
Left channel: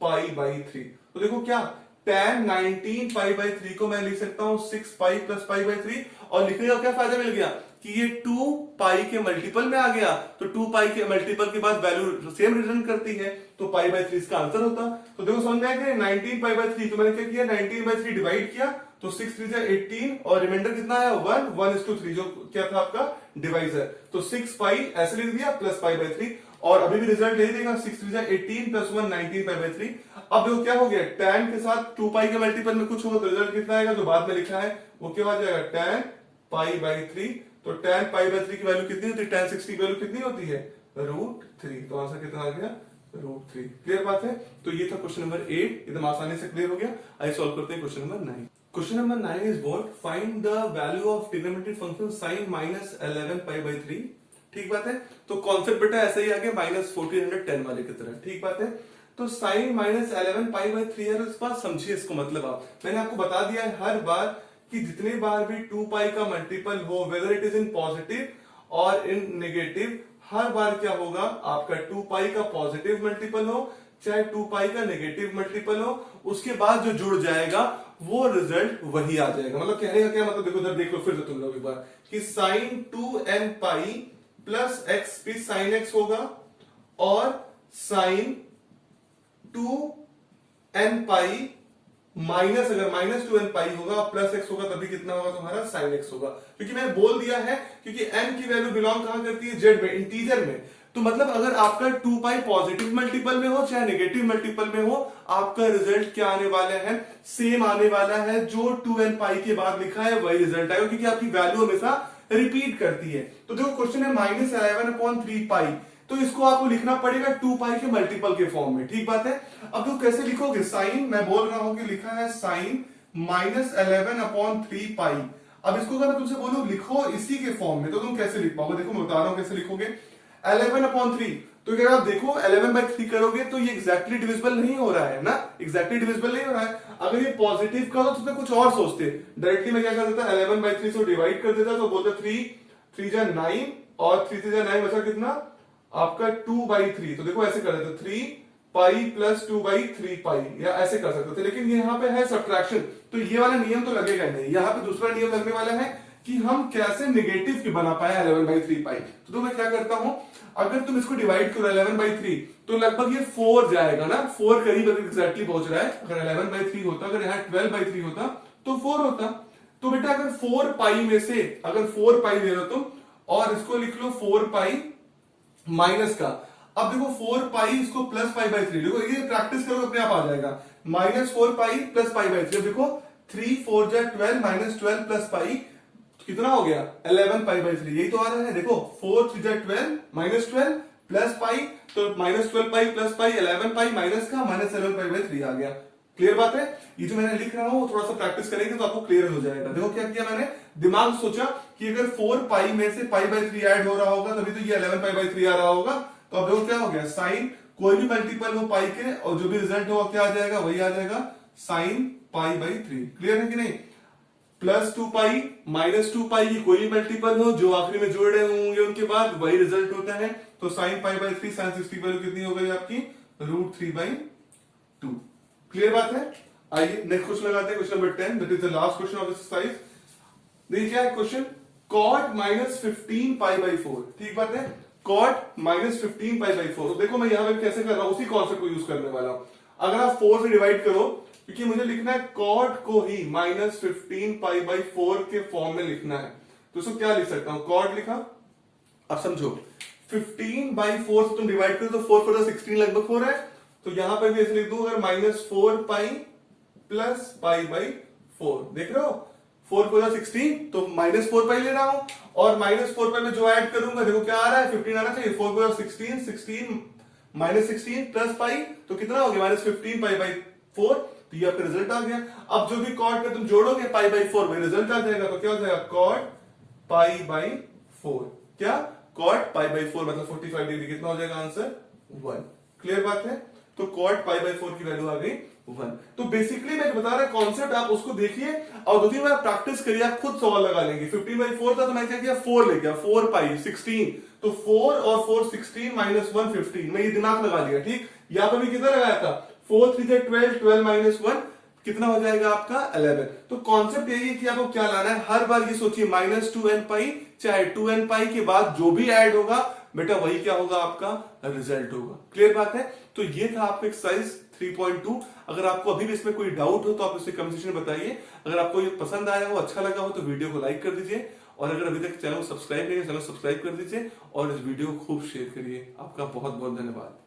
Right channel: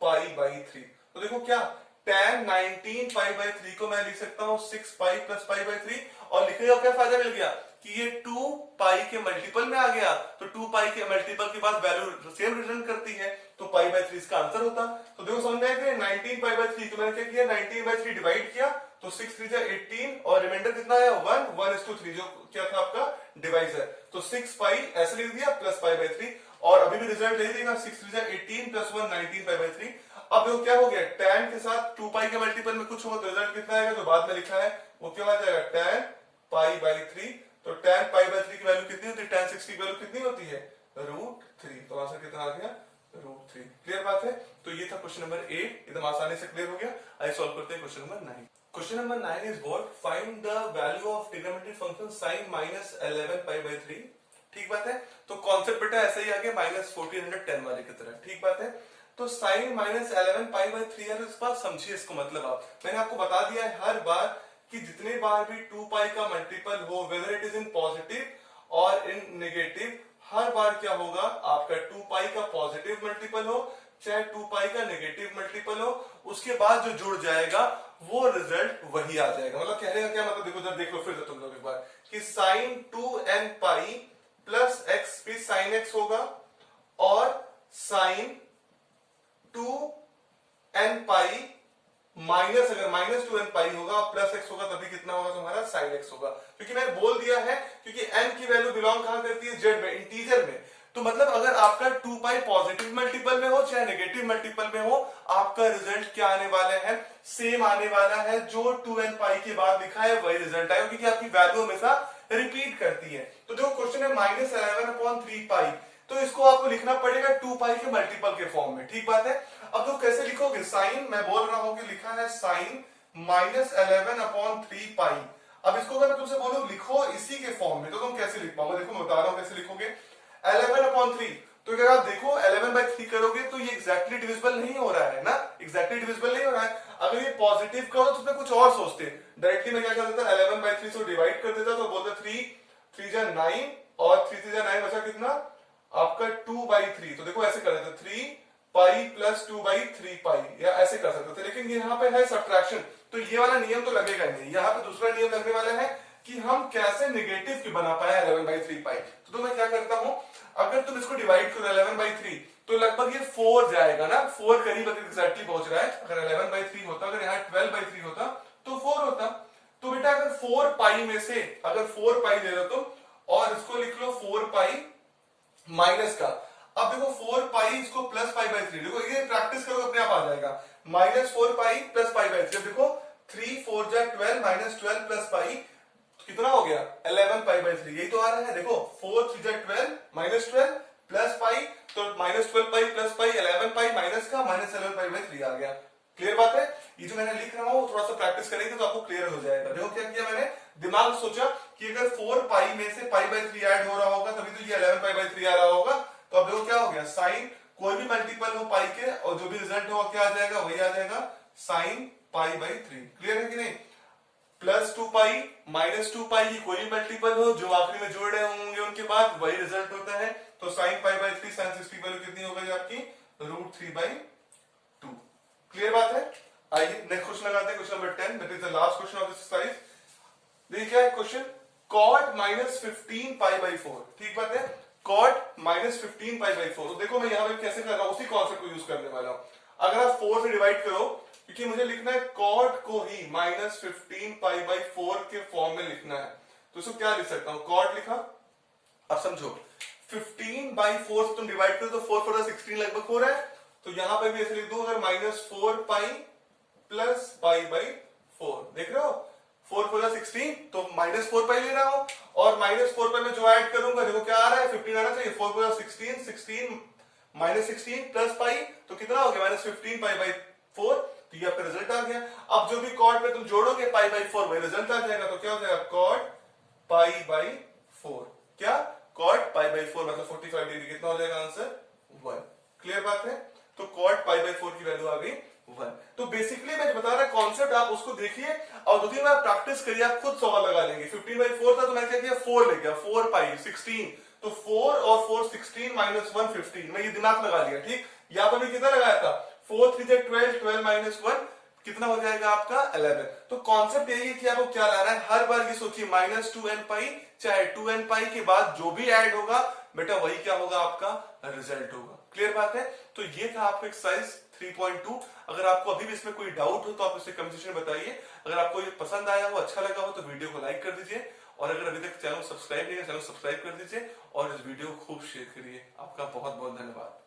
पाई बाई 3। तो देखो क्या, tan 19 पाई बाई 3 को मैं लिख सकता हूं 6 पाई प्लस पाई बाई 3, और लिखने का क्या फायदा मिल गया कि ये 2 पाई के मल्टीपल में आ गया, तो 2 पाई के मल्टीपल के बाद वैल्यू सेम रिटर्न करती है, तो पाई बाई 3 इसका आंसर होता। तो देखो समझ में आया कि 19 पाई बाई 3, तो मैंने क्या किया, 19/3 डिवाइड किया, तो 6 3 जा 18, और रिमाइंडर कितना आया 1 1:3, जो क्या था आपका डिवाइजर। तो 6 पाई ऐसे लिख दिया प्लस पाई बाई 3, और अभी भी रिजल्ट यही देगा 6 3 जा 18 प्लस 1 19 पाई बाई 3। अब देखो क्या हो गया, tan के साथ 2 पाई के मल्टीपल में कुछ होगा तो रिजल्ट कितना आएगा, जो बाद में लिखा है वो क्या आ जाएगा, tan पाई बाई 3। तो tan पाई बाई 3 की वैल्यू कितनी होती है, tan 60 की वैल्यू कितनी होती है, √3। तो आंसर कितना आ गया, √3। क्लियर बात है। तो ये था क्वेश्चन नंबर 8, एकदम आसानी से क्लियर हो गया। आइए सॉल्व करते हैं question number 9। Question number 9 is what, find the value of trigonometric function sin -11 pi by 3 ठीक बात है। तो कॉन्सेप्ट बेटा ऐसा ही आ गया -1410 वाले की तरह, ठीक बात है। तो साइन -11π/3 है, तो इस बार समझिए इसको, मतलब आप, मैंने आपको बता दिया है हर बार कि जितने बार भी 2π का मल्टीपल हो, whether it is in positive और इन नेगेटिव, हर बार क्या होगा आपका 2π का पॉजिटिव मल्टीपल हो चाहे 2π का नेगेटिव मल्टीपल हो, उसके बाद जो जुड़ जाएगा वो रिजल्ट वही आ जाएगा। मतलब कहने का क्या मतलब, देखो इधर देख लो फिर से तुम लोग एक बार कि साइन 2nπ प्लस एक्स भी साइन एक्स होगा और साइन 2nπ माइनस, अगर -2nπ होगा प्लस एक्स होगा तभी कितना होगा तुम्हारा साइन एक्स होगा, क्योंकि मैंने बोल दिया है क्योंकि n की वैल्यू बिलोंग कहां करती है, जेड में, इंटीजर में। तो मतलब अगर आपका 2π पॉजिटिव मल्टीपल में हो चाहे नेगेटिव मल्टीपल में हो, आपका रिजल्ट क्या आने वाला है, सेम आने वाला है। जो 2nπ के बाद लिखा है वही रिजल्ट आएगा, क्योंकि आपकी वैल्यू हमेशा रिपीट करती है। तो देखो क्वेश्चन है -11/3π, तो इसको आपको लिखना पड़ेगा 2π के मल्टीपल के फॉर्म में, ठीक बात है। अब तो कैसे लिखोगे, साइन, मैं बोल रहा हूं कि लिखा है साइन -11/3π। अब इसको अगर मैं तुमसे बोलूं लिखो इसी के फॉर्म में, तो तुम कैसे लिख पाओगे, देखो मैं बता रहा हूं कैसे लिखोगे। 11/3, तो अगर आप देखो 11/3 करोगे तो ये एग्जैक्टली डिविजिबल नहीं हो रहा है ना, एग्जैक्टली डिविजिबल नहीं हो रहा है। अगर ये पॉजिटिव का हो तो उसमें कुछ और सोचते, डायरेक्टली मैं क्या कर देता, 11/3 से डिवाइड कर देता, तो बोलते 3 जा 9 और 3 से 9 बचा कितना आपका 2/3। तो देखो ऐसे कर देते 3π प्लस 2/3π, या ऐसे कर सकते थे, लेकिन यहाँ पे है सब्ट्रैक्शन, तो ये वाला नियम तो लगेगा नहीं। यहाँ पे दूसरा नियम लगने वाला है कि हम कैसे नेगेटिव की बना पाए 11/3π। तो मैं क्या करता हूं, अगर तुम इसको डिवाइड करो 11/3 तो लगभग ये 4 जाएगा ना, 4 करीब एग्जैक्टली पहुंच रहा है। अगर 11/3 होता, अगर यहाँ 12/3 होता तो 4 होता। तो बेटा अगर 4π में से अगर 4π ले लो तुम और इसको लिख लो 4π माइनस का, अब देखो 4π इसको प्लस π/3, देखो ये प्रैक्टिस करो अपने आप आ जाएगा, -4π प्लस π/3। अब देखो 3 4 जा 12 -12 प्लस π कितना हो गया 11π/3, यही तो आ रहा है। देखो 4 3 जा 12 -12 प्लस π, तो -12π प्लस π 11π माइनस का -11π/3 आ गया। क्लियर बात है। ये जो मैंने लिख रहा हूं थोड़ा सा प्रैक्टिस करेंगे तो आपको क्लियर हो जाएगा। देखो क्या किया मैंने, दिमाग सोचा कि अगर 4π में से π/3 ऐड हो रहा होगा तभी तो ये 11π/3 आ रहा होगा। तो अब देखो क्या हो गया, साइन कोई भी मल्टीपल हो पाई के और जो भी रिजल्ट होगा क्या आ जाएगा, वही आ जाएगा साइन π/3। क्लियर है कि नहीं। प्लस 2π -2π की कोई भी मल्टीपल हो जो आखिरी में जोड़ रहे होंगे उनके बाद वही रिजल्ट होता है। तो साइन π/3 साइन 60 वैल्यू कितनी हो गई आपकी, √3/2। क्लियर बात है। आइए नेक्स्ट क्वेश्चन लगाते हैं, question number 10, that is the last question of this exercise. देखिए क्या है क्वेश्चन, cot -15π/4, ठीक बात है, cot -15π/4। तो देखो मैं यहां पे कैसे कर रहा हूं, उसी कॉन्सेप्ट को यूज करने वाला हूं। अगर आप 4 से डिवाइड करो, क्योंकि मुझे लिखना है cot को ही -15π/4 के फॉर्म में लिखना है, तो इसको क्या लिख सकता हूं, cot लिखा। अब समझो 15/4 से तुम डिवाइड करो तो 4 4 16 लगभग 4 है, तो यहां पर भी ऐसे लिख दूं, अगर -4π प्लस π/4, देख रहे हो 4 4 16, तो -4π ले रहा हूं और -4π में जो ऐड करूंगा देखो क्या आ रहा है, 15 आना चाहिए। 4 4 16 16 -16 प्लस π, तो कितना हो गया -15π/4, तो ये आपका रिजल्ट आ गया। अब जो भी कॉट में तुम जोड़ोगे π/4 वही रिजल्ट आ जाएगा। तो क्या हो जाएगा, cot π/4, क्या cot π/4 मतलब 45 डिग्री, कितना हो जाएगा आंसर 1। क्लियर बात है। तो cot π/4 की वैल्यू आ गई 1। तो बेसिकली मैं बता रहा कॉन्सेप्ट, आप उसको देखिए और 2-3 बार प्रैक्टिस करिए, आप खुद सवाल लगा लेंगे। 15/4 था तो मैं क्या किया, 4 ले गया, 4π 16, तो 4 और 4 16 -1 15, मैं ये दिमाग लगा लिया, ठीक। यहाँ पर भी कितना लगाया था, 4 3 12 12 -1 कितना हो जाएगा आपका 11। तो कॉन्सेप्ट यही है कि आपको क्या लाना है, हर बार ये सोचिए -2nπ चाहे 2nπ के बाद जो भी ऐड होगा बेटा वही क्या होगा, आपका रिजल्ट होगा। क्लियर बात है। तो ये था आपका एक्सरसाइज 3.2। अगर आपको अभी भी इसमें कोई डाउट हो तो आप इसे कमेंट सेक्शन में बताइए। अगर आपको ये पसंद आया हो, अच्छा लगा हो तो वीडियो को लाइक कर दीजिए, और अगर अभी तक चैनल सब्सक्राइब नहीं है चैनल सब्सक्राइब कर दीजिए और इस वीडियो को खूब शेयर करिए। आपका बहुत बहुत धन्यवाद।